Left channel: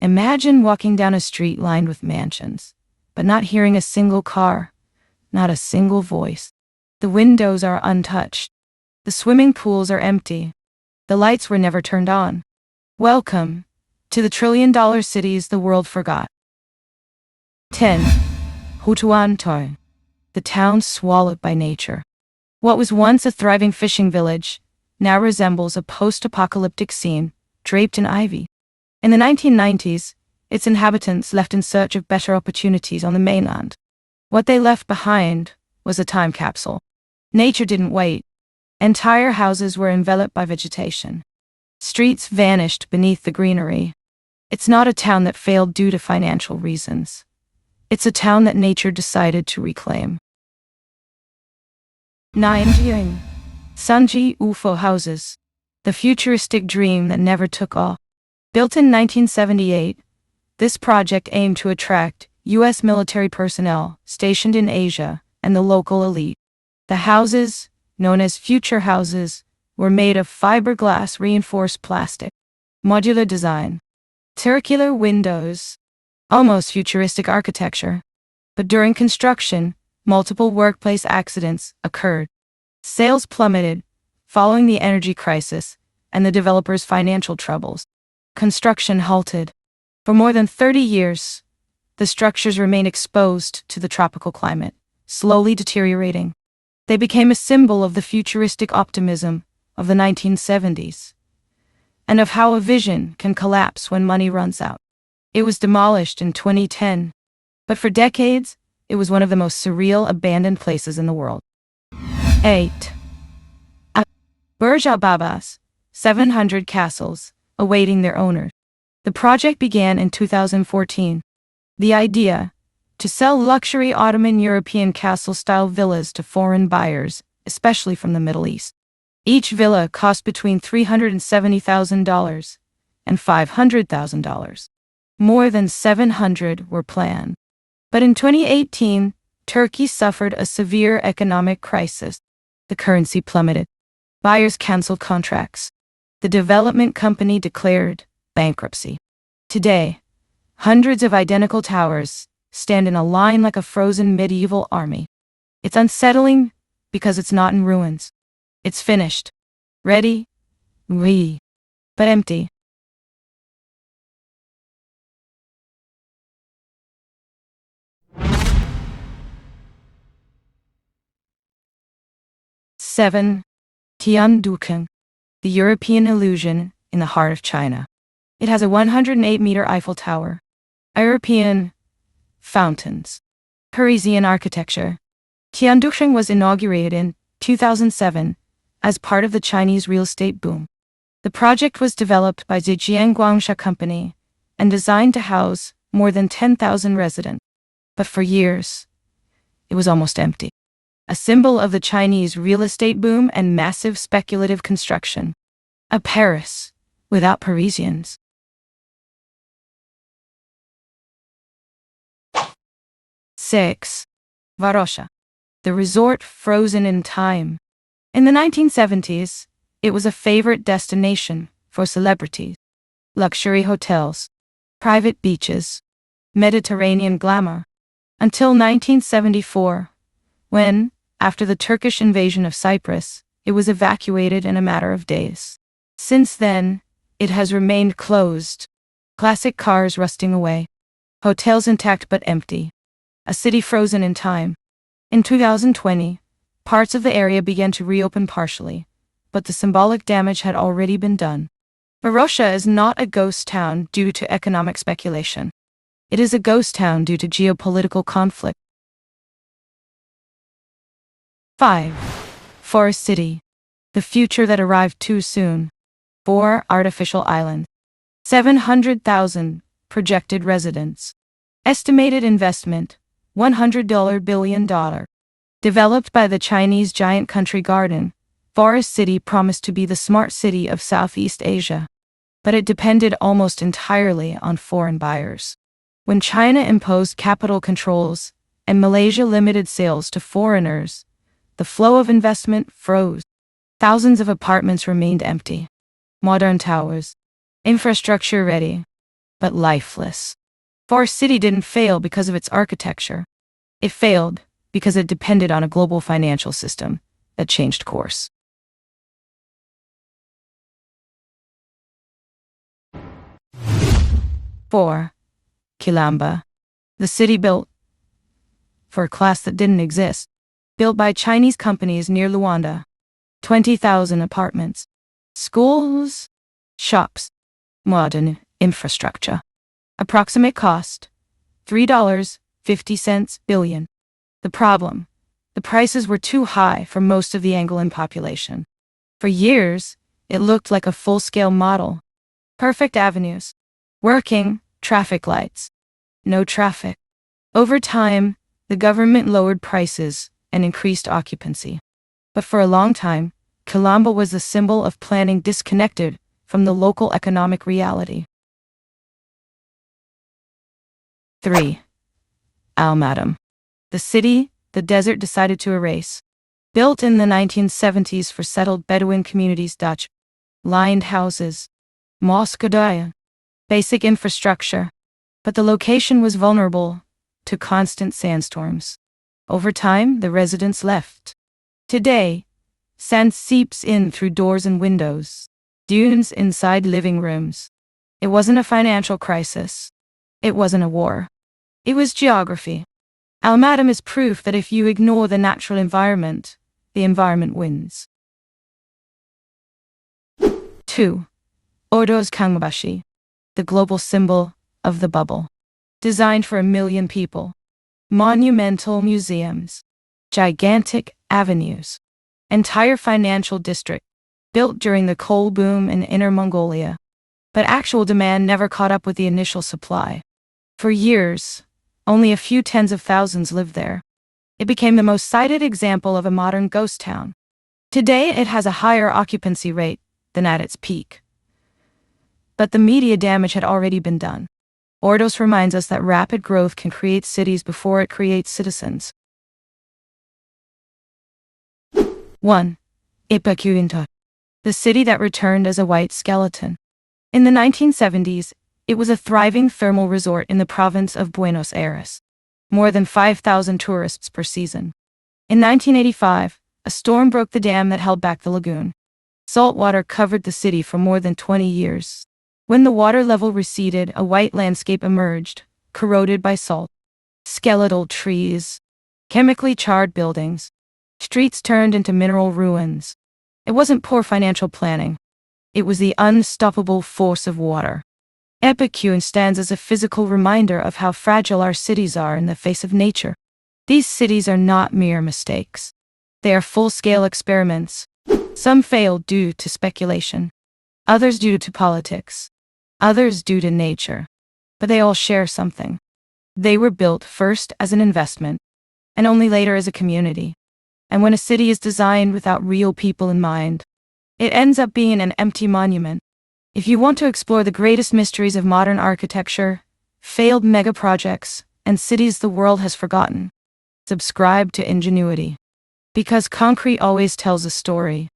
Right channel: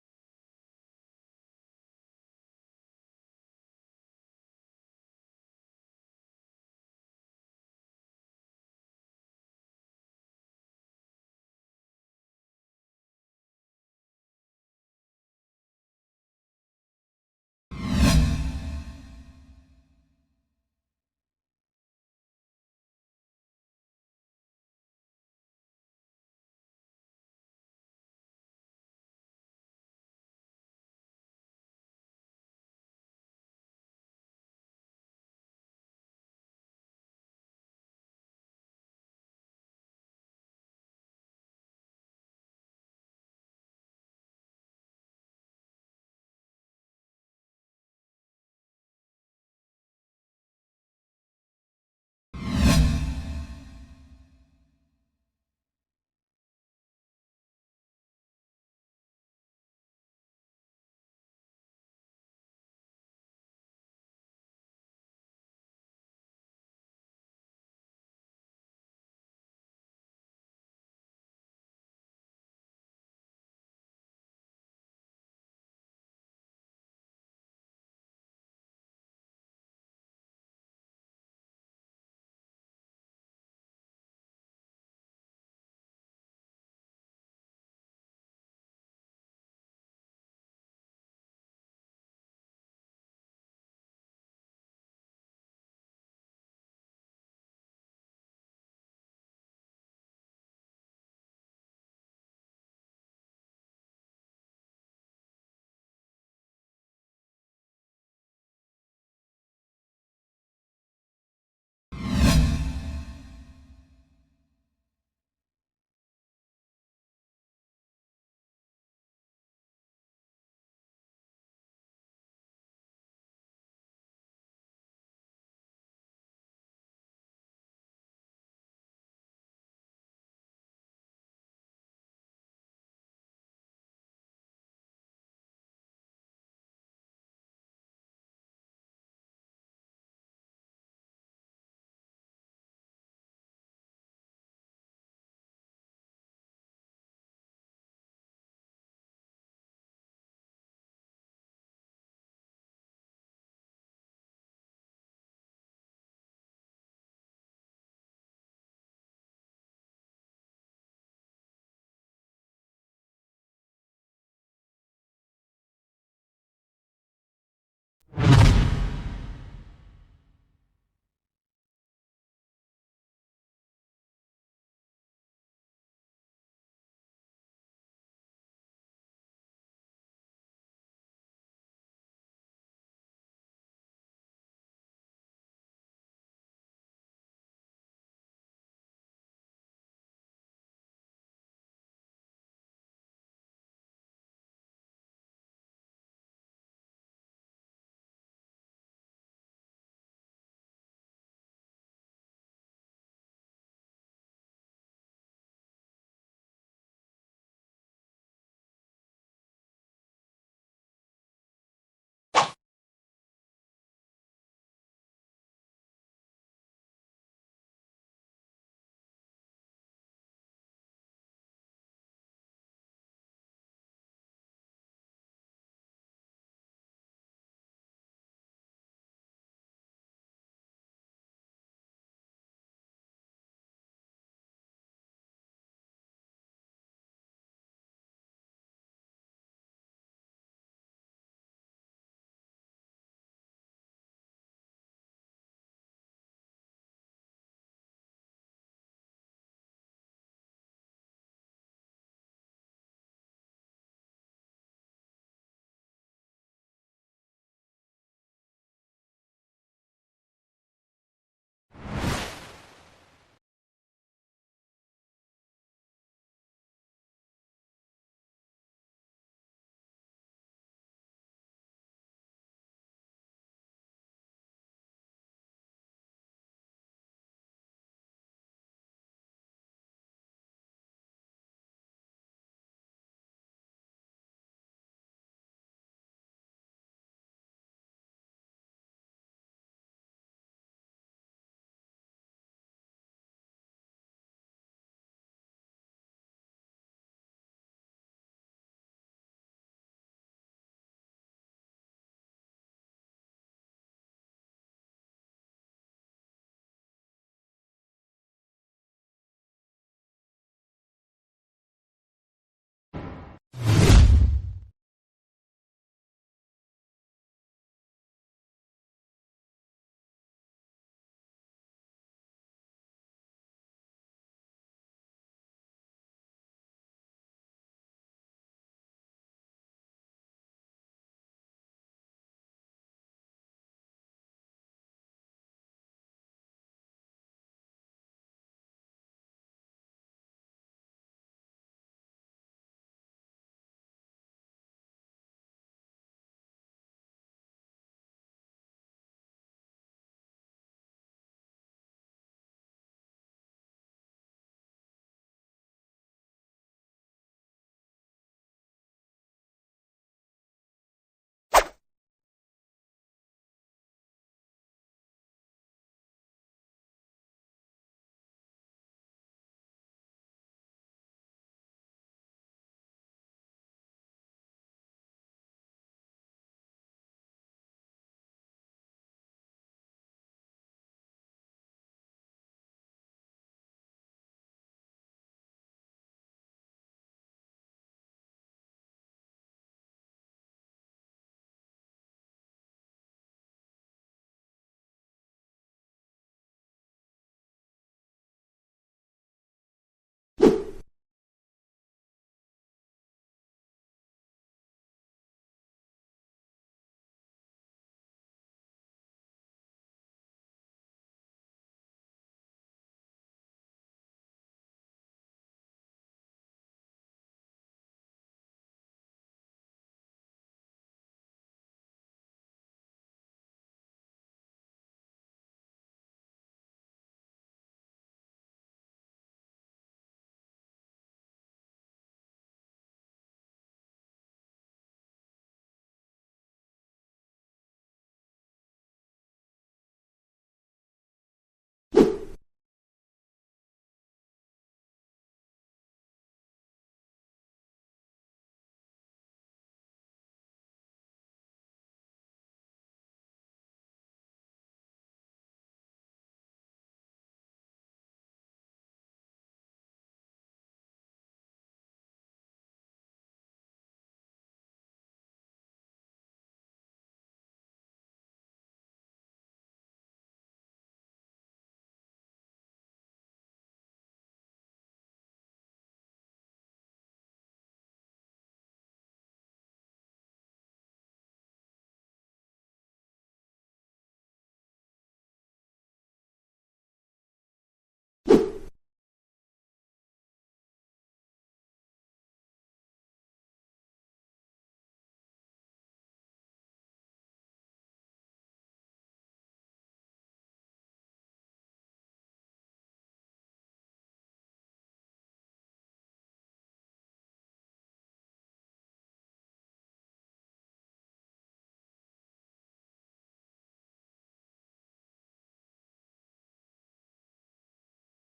Imagine walking down a street lined with mansions, but not hearing a single car, not a single voice. The windows are untouched. The swimming pools are empty. The lights were never turned on. Welcome to the trillion-dollar cities the world forgot. 10. Hutuan, the town swallowed by nature. What was once a thriving fishing village now resembles a post-apocalyptic scene draped in ivy. In the 1990s, its inhabitants left in search of better opportunities on the mainland. What they left behind was a time capsule. Nature didn't wait. Entire houses were enveloped by vegetation. Streets vanished beneath the greenery. It's not a town that failed due to financial reasons. It's a town that nature decided to reclaim. 9. Sanji UFO houses. The futuristic dream that never took off. Built in 1978, this project aimed to attract U.S. military personnel stationed in Asia and the local elite. The houses, known as future houses, were made of fiberglass reinforced plastic. Modular design. Circular windows. Almost futuristic architecture. But during construction, multiple workplace accidents occurred. Sales plummeted following the energy crisis and the developers' financial troubles. Construction halted. For more than 30 years, the structures remained exposed to the tropical climate, slowly deteriorating. They became a symbol of the futuristic optimism of the 1970s, and of how a vision can collapse when money runs out. It was demolished in 2010, but for decades, it was one of the most surreal abandoned places in the world. 8. Burj Al Babas, 700 castles, awaiting their owners. The project began in 2014. The idea, to sell luxury Ottoman European castle-style villas to foreign buyers, especially from the Middle East. Each villa cost between $370,000 and $500,000. More than 700 were planned. But in 2018, Turkey suffered a severe economic crisis. The currency plummeted. Buyers canceled contracts. The development company declared bankruptcy. Today, hundreds of identical towers stand in a line like a frozen medieval army. It's unsettling because it's not in ruins. It's finished. Ready? But empty. Seven. Tiandukan, the European illusion in the heart of China. It has a 108-meter Eiffel Tower, European fountains, Parisian architecture. Tiandukan was inaugurated in 2007 as part of the Chinese real estate boom. The project was developed by Zhejiang Guangsha Company and designed to house more than 10,000 residents. But for years, it was almost empty. A symbol of the Chinese real estate boom and massive speculative construction. A Paris without Parisians. 6. Varosha, the resort frozen in time. In the 1970s, it was a favorite destination for celebrities. Luxury hotels, private beaches, Mediterranean glamour. Until 1974, when, after the Turkish invasion of Cyprus, it was evacuated in a matter of days. Since then, it has remained closed. Classic cars rusting away. Hotels intact but empty. A city frozen in time. In 2020, parts of the area began to reopen partially, but the symbolic damage had already been done. Varosha is not a ghost town due to economic speculation. It is a ghost town due to geopolitical conflict. 5. Forest City, the future that arrived too soon. 4 artificial islands. 700,000 projected residents. Estimated investment, $100 billion. Developed by the Chinese giant Country Garden, Forest City promised to be the smart city of Southeast Asia. But it depended almost entirely on foreign buyers. When China imposed capital controls and Malaysia limited sales to foreigners, the flow of investment froze. Thousands of apartments remained empty. Modern towers. Infrastructure ready. but lifeless. For our city didn't fail because of its architecture. It failed because it depended on a global financial system that changed course. Four, Kilamba. The city built for a class that didn't exist. Built by Chinese companies near Luanda. 20,000 apartments. Schools, shops, modern infrastructure. Approximate cost, $3.50 billion. The problem, the prices were too high for most of the Angolan population. For years, it looked like a full-scale model. Perfect avenues, working traffic lights, no traffic. Over time, the government lowered prices and increased occupancy. But for a long time, Kilamba was the symbol of planning disconnected from the local economic reality. 3. Almaden. The city the desert decided to erase. Built in the 1970s for settled Bedouin communities, Dutch lined houses, mosque, basic infrastructure. But the location was vulnerable to constant sandstorms. Over time, the residents left. Today, sand seeps in through doors and windows, dunes inside living rooms. It wasn't a financial crisis. It wasn't a war. It was geography. Almaden is proof that if you ignore the natural environment, the environment wins. 2. Ordos Kangbashi. The global symbol of the bubble. Designed for 1 million people. Monumental museums. Gigantic avenues. Entire financial district. Built during the coal boom in Inner Mongolia. But actual demand never caught up with the initial supply. For years, only a few tens of thousands lived there. It became the most cited example of a modern ghost town. Today it has a higher occupancy rate than at its peak. But the media damage had already been done. Ordos reminds us that rapid growth can create cities before it creates citizens. 1. Epecuén. The city that returned as a white skeleton. In the 1970s, it was a thriving thermal resort in the province of Buenos Aires. More than 5,000 tourists per season. In 1985, a storm broke the dam that held back the lagoon. Salt water covered the city for more than 20 years. When the water level receded, a white landscape emerged, corroded by salt. Skeletal trees, chemically charred buildings, streets turned into mineral ruins. It wasn't poor financial planning. It was the unstoppable force of water. Epecuén stands as a physical reminder of how fragile our cities are in the face of nature. These cities are not mere mistakes. They are full-scale experiments. Some failed due to speculation, others due to politics, others due to nature. But they all share something. They were built first as an investment, and only later as a community. And when a city is designed without real people in mind, it ends up being an empty monument. If you want to explore the greatest mysteries of modern architecture, failed megaprojects, and cities the world has forgotten, subscribe to Ingenuity. Because concrete always tells a story.